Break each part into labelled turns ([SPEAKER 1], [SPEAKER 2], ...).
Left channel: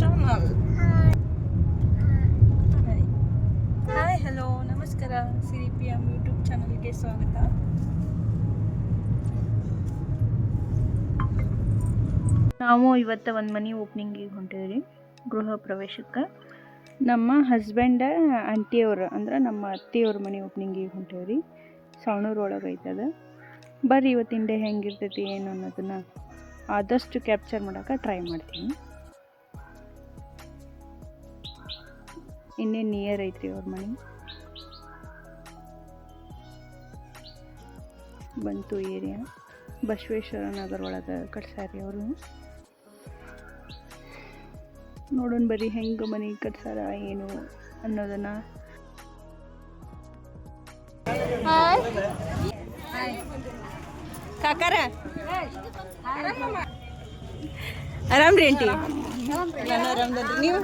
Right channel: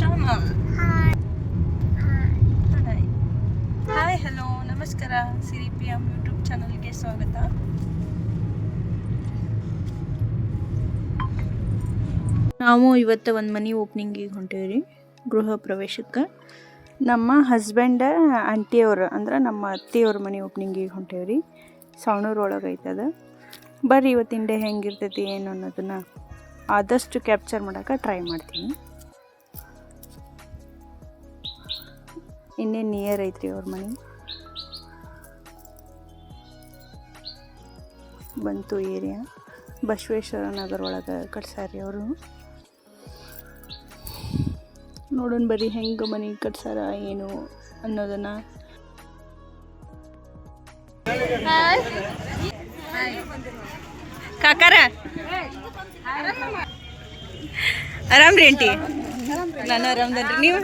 [SPEAKER 1] Channel. Hi. Hi hello ನಮಸ್ಕಾರ. ಸಿರಿ P M YouTube ಚಾನಲ್ಗೆ ಸ್ವಾಗತ. ನಾವು ಇವತ್ತು ಒಂದು ಮನೆ ಓಪ್ನಿಂಗಿಗೆ ರೀ ಗೃಹ ಪ್ರವೇಶಕ್ಕೆ. ನಮ್ಮ ಹಸ್ಬೆಂಡ ಆಂಟಿಯವ್ರು ಅಂದ್ರೆ ನಮ್ಮ ಅತ್ತೆಯವ್ರ ಮನೆ ಓಪ್ನಿಂಗಿಗೆ ಹೊಂಟೇವ್ರಿ. ರೀ ಒಳಗೆ ಐತದ. ಬರ್ರಿ ಇವತ್ತಿನ ಡೇ ಹೆಂಗಿರ್ತೈತಿ ಏನು ಅನ್ನೋದನ್ನು ಆದಷ್ಟು ಕ್ಯಾಪ್ಚರ್ ಮಾಡೋಕೆ ಟ್ರೈ ಮಾಡ್ತೀನಿ. ಇನ್ನೇನು ನಿಯರ್ ಐತ್ರಿ ಅವ್ರ ಮನೆ? ಬಂತು ಏರಿಯಾ ಬಸವೇಶ್ವರ ನಗರ ಒಳಗೆ ಕಟ್ಸಾರಿ ಅವರು. ನೋಡೋಣ ಬರ್ರಿ ಹೆಂಗೆ ಮನೆ ಕಟ್ಸಾರ ಏನು ಅನ್ನೋದನ್ನ. ಕಾಕಾರ? ಆರಾಮ್ರಿ ಆಂಟಿ? ನಾನು ಆರಾಮ್ದನ್ರಿ. ನೀವು?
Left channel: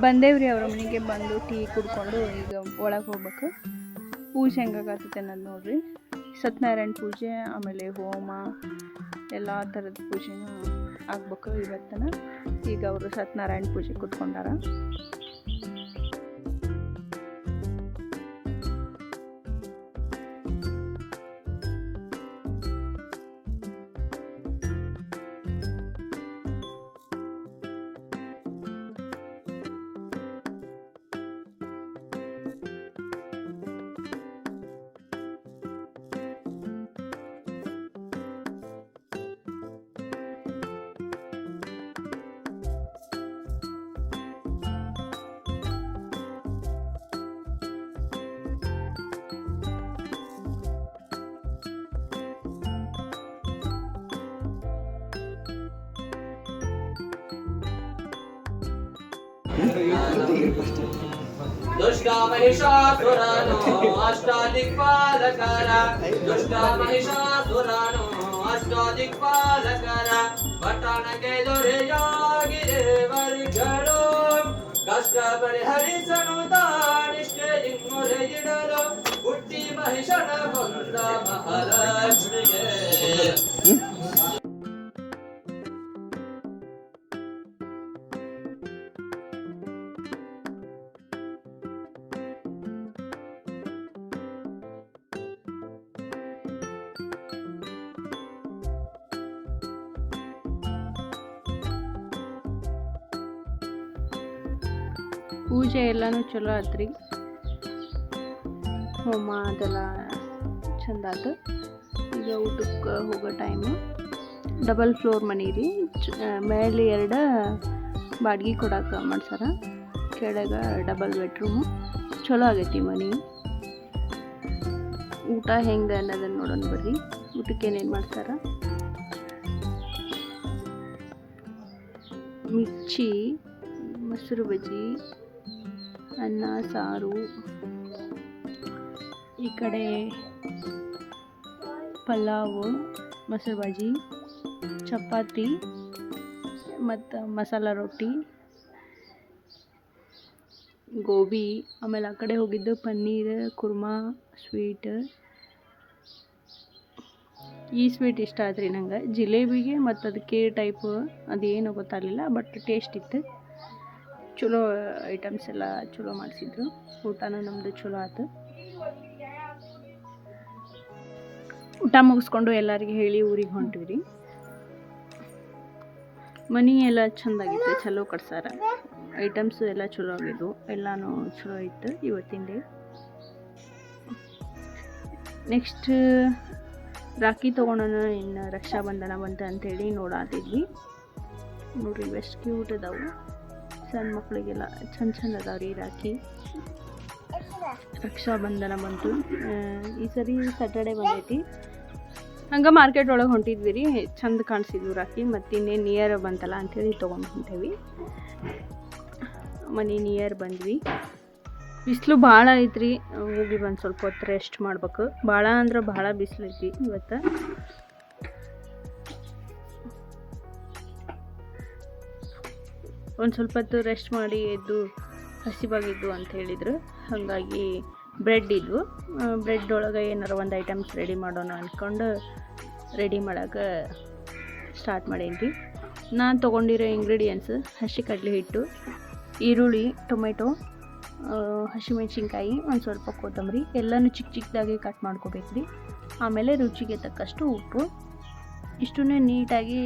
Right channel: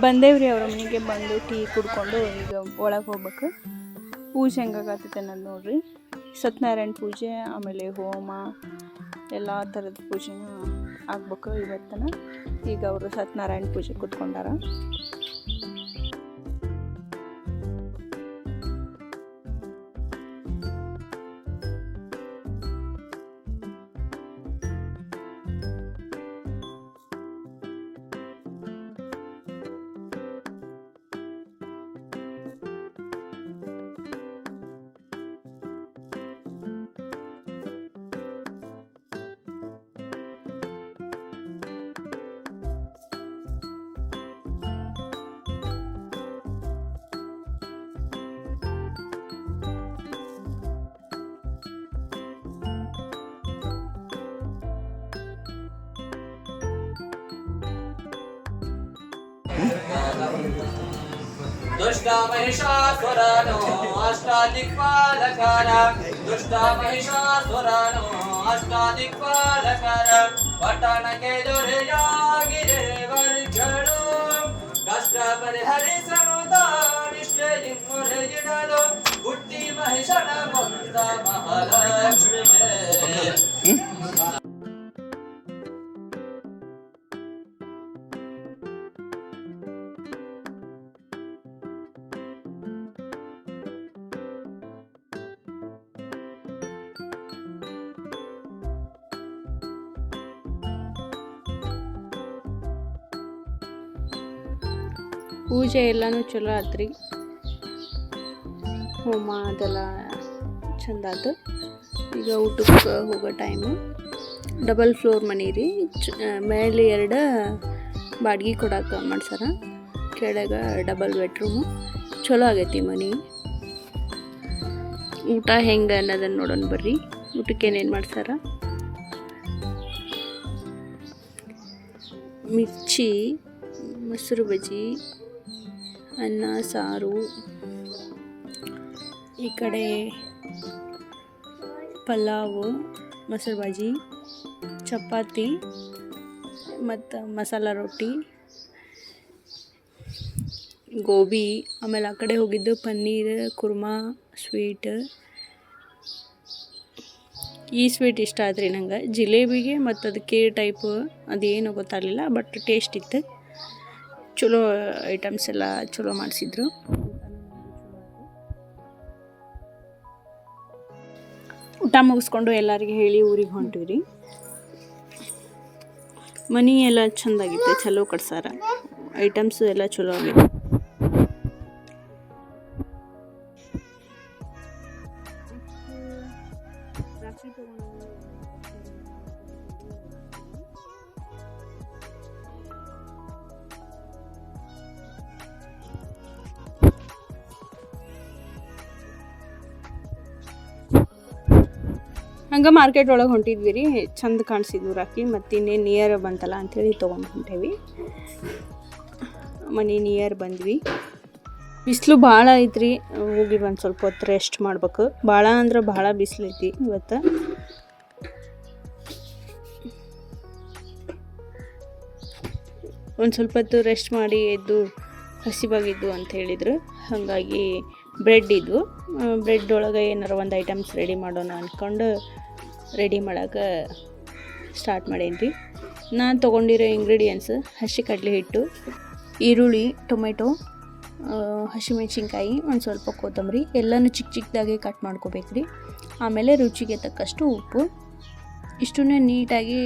[SPEAKER 1] ಬಂದೇವ್ರಿ ಅವ್ರ ಮನೆಗೆ ಬಂದು ಟೀ ಕುಡ್ಕೊಂಡು ಈಗ ಒಳಗೆ ಹೋಗ್ಬೇಕು. ಪೂಜೆ ಹೆಂಗಾಗತ್ತೈತೆ ಅನ್ನೋದು ನೋಡ್ರಿ. ಸತ್ಯನಾರಾಯಣ ಪೂಜೆ, ಆಮೇಲೆ ಹೋಮ, ಎಲ್ಲ ಥರದ ಪೂಜೆನೂ ಆಗ್ಬೇಕು ಇವತ್ತನ. ಈಗ ಅವರು ಸತ್ಯನಾರಾಯಣ ಪೂಜೆ ಕೂತ್ಕೊಂಡಾರ.
[SPEAKER 2] ದುಷ್ಟ ಮಹಿಷಾಸುರನು ಅಷ್ಟಾದಿಕ್ಪಾಲಕರ ದುಷ್ಟ ಮಹಿಷಾಸುರನು ಅಷ್ಟಾದಿಕ್ಪಾಲಕರ ಪಟ್ಟಣಕ್ಕೆ ದೊರೆಯಾಗಿರೆ ವರ್ಗಳು ಕಷ್ಟ ಪರಿಹರಿಸಲು ತಾನಿಷ್ಠೆಯಿಂದೊರೆಯಿಡಲು ಹುಟ್ಟಿ ಮಹಿಷನ ಬಂದ ಮಹಾಲಕ್ಷ್ಮಿಯೇ
[SPEAKER 1] ಪೂಜೆ ಎಲ್ಲನೂ ಚಲೋ ಆತ್ರಿ. ಹೋಮ ಅದೆಲ್ಲ ಚಂದ ಆತು. ಈಗ ಊಟಕ್ಕೆ ಹೋಗೋ ಟೈಮು ಡಬಲ್ ಫ್ಲೋರ್ ಮನೆ ರೀ. ಚ ಮೇಲೆ ಎರಡು ಬಾಡ್ಗೆ ಕೊಡಕ್ಕೆ ಮಾಡ್ಸಾರ. ಕೆಳಗೆ ಡಬಲ್ ಬೆಡ್ರೂಮು ಚಲೋ ಆಗೈತಿ ಮನೆ. ಊಟ ಹೆಂಗೆ ಅನ್ನೋದನ್ನು ನೋಡೋಣ ಬರ್ರಿ. ಊಟಕ್ಕೆ ಏನೇನು ಮಾಡ್ಸಾರ? ಮಿರ್ಚಿ, ಮೊಸರು ಬಜ್ಜಿ ಅನ್ನ, ಸಾರು. ಈ ಕಡೆ ಪಲಾವು, ಮೊಸರು ಬಾಜಿ, ಚಪಾತಿ ಮತ್ತು ಮಸಾಲ ರೊಟ್ಟಿ, ಗೋಬಿ. ಆಮೇಲೆ ಆ ಕಡೆ ಹೋಗಿದ್ದು ಪನ್ನೀರ್, ಕುರ್ಮಾ, ಸ್ವೀಟ್. ಈ ಸ್ವೀಟ್ ಇಷ್ಟ ಆದ್ರಿ ನಂಗೆ. ಜಿಲೇಬಿಗೆ ಮತ್ತು ಅದಕ್ಕೆ ಟೈಪ್ ಅದೇನು ಗೊತ್ತಾಗಲಿಲ್ಲ ಬಟ್ ಟೇಸ್ಟ್ ಇತ್ತು. ಚಲೋ ಐಟಮ್ಸ್ ಎಲ್ಲ ಚಲೋ ಮಾಡಿಸಿದ್ರು. ಊಟನೂ ನಮ್ಮದು ಚಲೋ ಆಯ್ತು ಊಟ ಮುಗಿಸ್ಕೊಂಡು ಎಲ್ಲರಿಗೆ ಹೇಳಿ ಊರಿಗೆ ಹೊಂಟಿವ್ರಿ. ಮನಿ ಎಲ್ಲ ಚಂದಾಗಿತ್ತು ಚಲೋ ಕಟ್ಸಾರ. ಐಟಮ್ಸ್ ಎಲ್ಲ ಚಲೋ ಆಗಿತ್ತು. ಎಲ್ಲನೂ ಚಲೋ ಇತ್ತು ಇವತ್ತಿನ ಡೇ. ನೆಕ್ಸ್ಟ್ ರಾಖಿ ತೊಗೊಳೋಣ ಇನ್ನು ರಕ್ಷಾಬಂಧನ ಬಂತ ಅಂತೇಳಿ ನೋಡಾತಿದ್ವಿ. ನೋಡ್ರಿ ಬೆಸ್ಟ್ ಕ್ಯೂಟ್ ಅದಾವು. ಸಣ್ಣ ಮಕ್ಕಳಿಗೆಲ್ಲ ಚಂದ ಚಂದ ಅದಾವ ರೀ ರಾಖಿ ರಕ್ಷಾಬಂಧನ ಬಂತು. ಈ ಸರಿ ಸ್ಯಾಟರ್ಡೆ ಬಂದೈತಿ. ಹಂಗೆ ಮಾರ್ಕೆಟ್ ಒಳಗೆ ಹೊಂಟಿದ್ವಿ ರೀ ಚಂದ ಕಾಣಿಸಿದ್ವು ರಾಖಿ ಮತ್ತು ಇನ್ನೇನು ನಿಯರ್ ಬಂತಲ್ಲ ಅಂಥೇಳಿ ತೊಗೊಂಡು ಹೊಂಟೇವಿ. ಮನೆ ನಿಯರ್ ಬಂದ್ವಿ. ಬಿಸಿಲು ಭಾಳ ಐತ್ರಿ, ಹೋಗಿ ಬಂದು ಸ್ವಲ್ಪ ಹೊತ್ತು ರೆಸ್ಟ್ ಮಾಡ್ಬೇಕು. ಭಾಳ ಅಂದ್ರೆ ಭಾಳ ಬಿಸಿಲು ಇವತ್ತು. ಒಂದು ಸ್ವಲ್ಪ ಹೊತ್ತು ರೆಸ್ಟ್ ಮಾಡಿ ಎದ್ದು ಹಸಿವಾಗಿದ್ದು ಅಂತ ಹೇಳಿದ್ರು. ಹಾಗಾಗಿ ಬ್ರೆಡ್ ಇದ್ವು ಬ್ರೆಡ್ ಒಳಗೆ ಏನಾರು ಒಂದು ಐಟಮ್ಸ್ ರೆಡಿ ಮಾಡೋಣ ಅಂದ್ಕೊಂಡು ರೆಡಿ ಮಾಡೋಕೆ ಸ್ಟಾರ್ಟ್ ಮಾಡೇನಿ ನಾನು ತೊಗೊಂಡಿರೋ ಇಂಗ್ರೀಡಿಯೆಂಟ್ಸ್ ಹಸಿ ಕಡಲೆ ಹಿಟ್ಟು, ಈರುಳ್ಳಿ, ಟೊಮೆಟೊ ಹಸಿಮೆಣ್ಸಿನ್ಕಾಯಿ, ಒಂದು ಸ್ವಲ್ಪ ಕೊತ್ತಂಬರಿ, ಎಲ್ಲನೂ ಚಿಕ್ಕ ಚಿಕ್ಕದಾಗಿ ಕಟ್ ಮಾಡ್ಕೋಬೇಕು ರೀ ಆಮೇಲೆ ರುಚಿಗೆ ತಕ್ಕಷ್ಟು ಉಪ್ಪು. ಇಷ್ಟನ್ನೇ ನೀಟಾಗಿ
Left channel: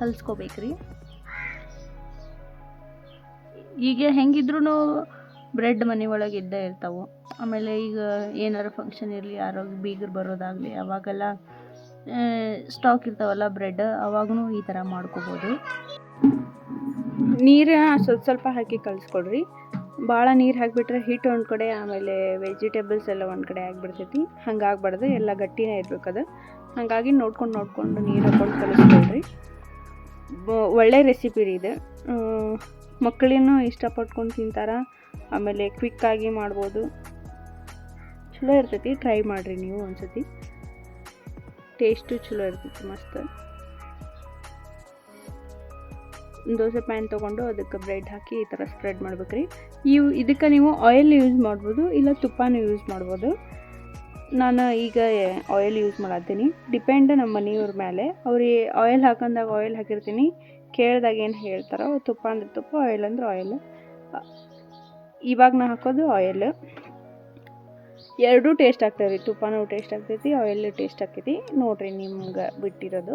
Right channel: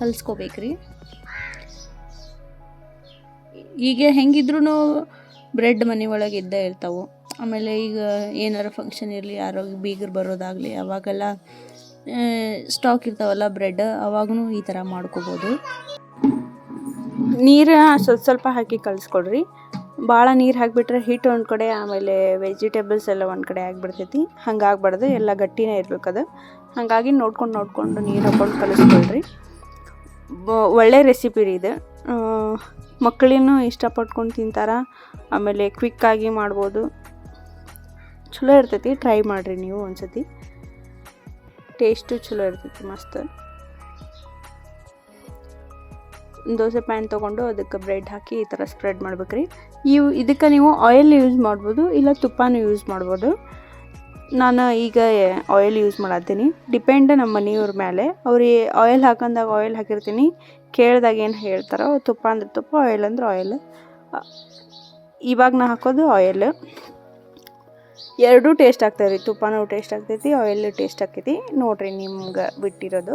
[SPEAKER 1] ಕಲಿಸ್ಕೋಬೇಕು ರೀ ಈಗ ಹೆಂಗಿದ್ರೂ ಬ್ರೆಡ್ ಮನೆ ಒಳಗೆ ಇದ್ದೇ ಇರ್ತಾವೆ. ಆಮೇಲೆ ಈಗ ಏನಾರು ಫಂಕ್ಷನ್ ಇರಲಿ ಯಾರೋ ಬೀಗರು ಬರೋದಾಗಲಿ, ಅವಾಗೆಲ್ಲ ಸ್ಟಾಕ್ ಇರ್ತಾವಲ್ಲ ಬ್ರೆಡ್ ಅವಾಗೂ ಈ ಥರ ಮಾಡ್ಕೋಬೋದು. ನೀರು ಸ್ವಲ್ಪ ಸ್ವಲ್ಪ ಹಾಕಿ ಕಲಿಸ್ಕೊಡ್ರಿ. ಭಾಳ ನೀರು ಹಾಕಿಬಿಟ್ರೆ ಹಿಟ್ಟು ಒಂದು ಕಡೆ, ಆಮೇಲೆ ವೆಜಿಟೇಬಲ್ಸ್ ಎಲ್ಲ ಒಂದು ಕಡೆ ಆಗಿಬಿಡ್ತೈತಿ. ಹಂಗಾಗ್ಬಾರ್ದು, ಎಲ್ಲ ಗಟ್ಟಿನೇ ಇರ್ಬೇಕದು ಹಾಗಾಗಿ ನೋಡ್ಕೊಂಡು ನೋಡ್ಕೊಂಡು ನೀರು ಹಾಕೊಂಡು ಕಲಿಸ್ಕೊಳ್ರಿ. ಒಳ್ಳೆ ರೆಸಿಪಿ ರೀ ಇದು. ಮಕ್ಕಳಿನೂ ಇಷ್ಟಪಟ್ಕೊಂಡು ತಿಂತಾರ, ಆಮೇಲೆ ಕ್ವಿಕ್ಕಾಗಿ ಮಾಡ್ಬೋದು. ಚಲೋ ಇರ್ತೈತಿ ಟ್ರೈ ಮಾಡಿರಿ ನೀವು ಒಂದ್ಸತಿ. ಟೇಸ್ಟು ಚಲೋ ಇರ್ತೈತಿ ಮಸ್ತ್. ದೋಸೆ ಪ್ಯಾನ್ ತೊಗೊಂಡು ಅದಕ್ಕೆ ಬ್ರೆಡ್ ಹಾಕಿ ಈ ಥರ ಸ್ಪ್ರೆಡ್ ಮಾಡ್ಬೇಕ್ರಿ. ಇವು ಇದಕ್ಕೆ ನೀವು ಆಯಿಲ್ ಯೂಸ್ ಮಾಡ್ಬೋದು, ಇಲ್ಲ ತುಪ್ಪನೂ ಯೂಸ್ ಮಾಡ್ಬೋದು. ನಾನು ಈಗ ಆಯಿಲ್ ಯೂಸ್ ಮಾಡತ್ತೀನಿ ಡಿಪೆಂಡ್ ನಮ್ಮ ಮನೆಯವ್ರ ಮೇಲೆ. ಅವ್ರಿಗೆ ಆಯಿಲ್ ಹಾಕಂದಾಗ ಆಯಿಲ್ ಹಾಕಿರ್ತೀನಿ ಕೇಳಿದಾಗ ಏನು ಹೇಳ್ತಾರೋ ತುಪ್ಪ ಅಂದ್ರೆ ತುಪ್ಪ ಆಯಿಲ್ ಅಂದ್ರೆ ಆಯಿಲ್ ಇವಾಗ ನಾ ಹಾಕೋದು ಆಯಿಲ್ ಎರಡೂ ಟೇಸ್ಟ್ ಆಗ್ತದೆ ರೀ ತುಪ್ಪನೂ ಟೇಸ್ಟ್ ಆಗ್ತೈತಿ ಆಯಿಲ್ ಟೇಸ್ಟ್ ಆಗ್ತೈತಿ. ನೋಡಿರಿ ನಿಮ್ಗೆ ಬಿಟ್ಟಿರೋದು.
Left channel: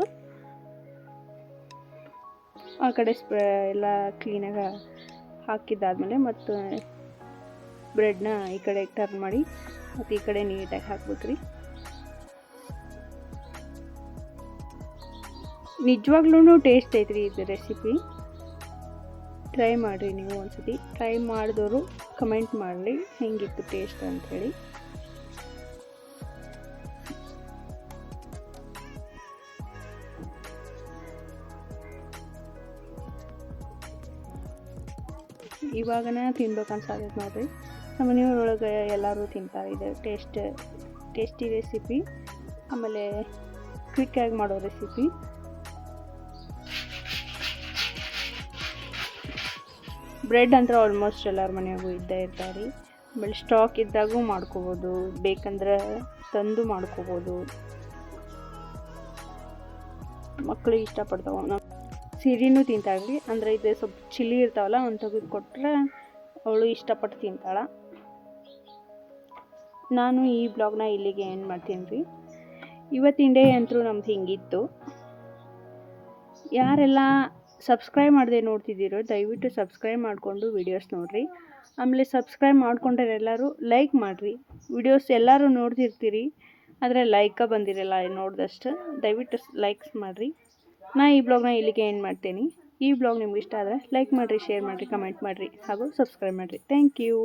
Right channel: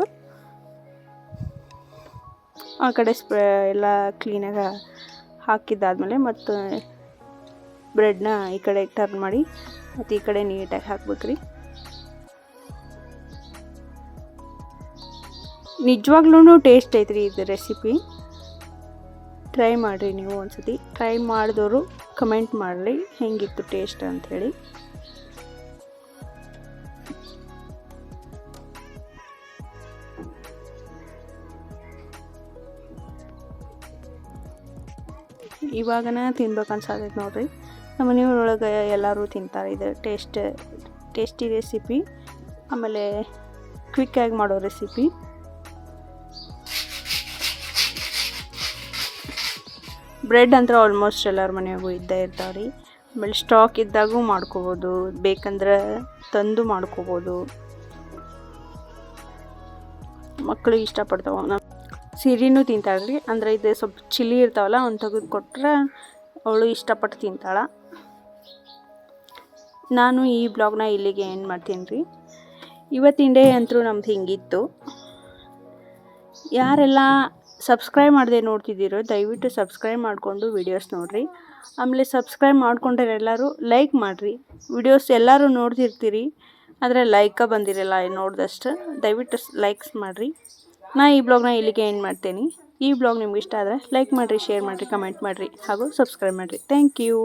[SPEAKER 1] ಆ ಕಡೆ ಸ್ಪ್ರೇ ಎಲ್ಲ ಕ್ಲೀನಾಗಿ ಹಾಕಿದ್ದಾದಮೇಲೆ ಮತ್ತು ಬ್ರೆಡ್ನ ಈ ಕಡೆ ಟರ್ನ್ ಮಾಡಿ, ಮತ್ತು ಈ ಕಡೆ ನೀಟಾಗಿ ಹಾಕ್ಬೇಕ್ರಿ. ನಿಜವಾಗ್ಲೂ ಟೇಸ್ಟ್ ಐತ್ರಿ ಇದು ರೆಸಿಪಿ ಟ್ರೈ ಮಾಡಿರಿ ನೀವು ಒಂದ್ಸತಿ. ಟ್ರೈ ಮಾಡಿದವರು ಕಮೆಂಟ್ ಮಾಡಲಿ. ಹೆಂಗಿತ್ತು ಟೇಸ್ಟ್ ಅಂಥೇಳಿ ಇವಾಗನೇ ತಿನ್ಬೇಕು ಅನ್ಸಾಗೈತೆ ನೋಡ್ರಿ. ನಮ್ಮ ಮನೆಯೊಳಗೆ ಎಲ್ಲರೂ ತಿಂತಾರೆ ಇದು ಟೇಸ್ಟ್ ಟೇಸ್ಟಿ ರೆಸಿಪಿ ಆಮೇಲೆ ಕ್ವಿಕ್ಕಾಗಿ ಮಾಡೋ ರೆಸಿಪಿ ಬ್ರೆಡ್ ಅಂದ್ರೆ ಆಲ್ಮೋಸ್ಟ್ ಎಲ್ಲರ ಮನೆಯಾಗೂ ಇದ್ದೇ ಇರ್ತಾವೆ ರೀ ಆಮೇಲೆ ಸ್ಟಾಕ್ ಇದ್ದಾಗೂ ಮಾಡ್ಕೋಬೋದು, ಬೇಕಂದ್ರೆ ತಂದು ಮಾಡ್ಕೋಬೋದು. ಮಕ್ಕಳಿಗೆ ಇಷ್ಟಪಡ್ತಾವೆ. ನಮ್ಮ ಸಿರಿನೂ ತಿಂತಾಳೆ ರೀ ಅಂದರೆ ಇದು ಸ್ವಲ್ಪ ಚಿಲ್ಲಿ ಇರ್ತಾವಲ್ಲ, ಅವ್ನು ತೆಗೆದು ಕೊಟ್ಟರೆ ಅವಳು ಇಷ್ಟಪಟ್ಟು ತಿಂತಾಳೆ. ನಾನು ಈ ಬ್ಲಾಗ್ನ ಇಲ್ಲಿಗೆ ಏನು ಮಾಡ್ತೀನಿ ರೀ ಇವತ್ತಿನ ಡೇ ಅಂತೂ ನಮ್ದು ಹಿಂಗಿತ್ತು. ಯಾರೆಲ್ಲ ಸಬ್ಸ್ಕ್ರೈಬ್ ಮಾಡದೆ ನೋಡ್ತಿದ್ದೀರೋ, ದಯವಿಟ್ಟು ಸಬ್ಸ್ಕ್ರೈಬ್ ಮಾಡಿಕೊಂಡು ವಿಡಿಯೋಸ್ ನೋಡಿರಿ. ಆಮೇಲೆ ಸಬ್ಸ್ಕ್ರೈಬ್ ಮಾಡ್ಕೊಂಡ್ರೆ ಎಲ್ಲರೂ ಲೈಕ್ ಮಾಡಿರಿ. ವಿಡಿಯೋಸ್ ಎಲ್ಲರೂ ನೋಡ್ತಿರ್ತೀರಿ, ಆದರೆ ಲೈಕ ಬಂದಿರಲ್ಲ ನೋಡಿದಷ್ಟು. ದಯವಿಟ್ಟು ಲೈಕ್ಸ್ ಮಾಡಿರಿ. ನಾ ಈ ಬ್ಲಾಗ್ನ ಇಲ್ಲಿಗೆ ಏನು ಮಾಡ್ತೀನಿ. ಈ ಬ್ಲಾಗ್ ನಿಮ್ಗೆ ಇಷ್ಟ ಆದರೆ ಲೈಕ್ ಮಾಡಿರಿ ಶೇರ್ ಮಾಡಿರಿ ಕಮೆಂಟ್ ಮಾಡಿರಿ, ಹಾಗೂ ಸಬ್ಸ್ಕ್ರೈಬ್ ಮಾಡಿರಿ. Thank you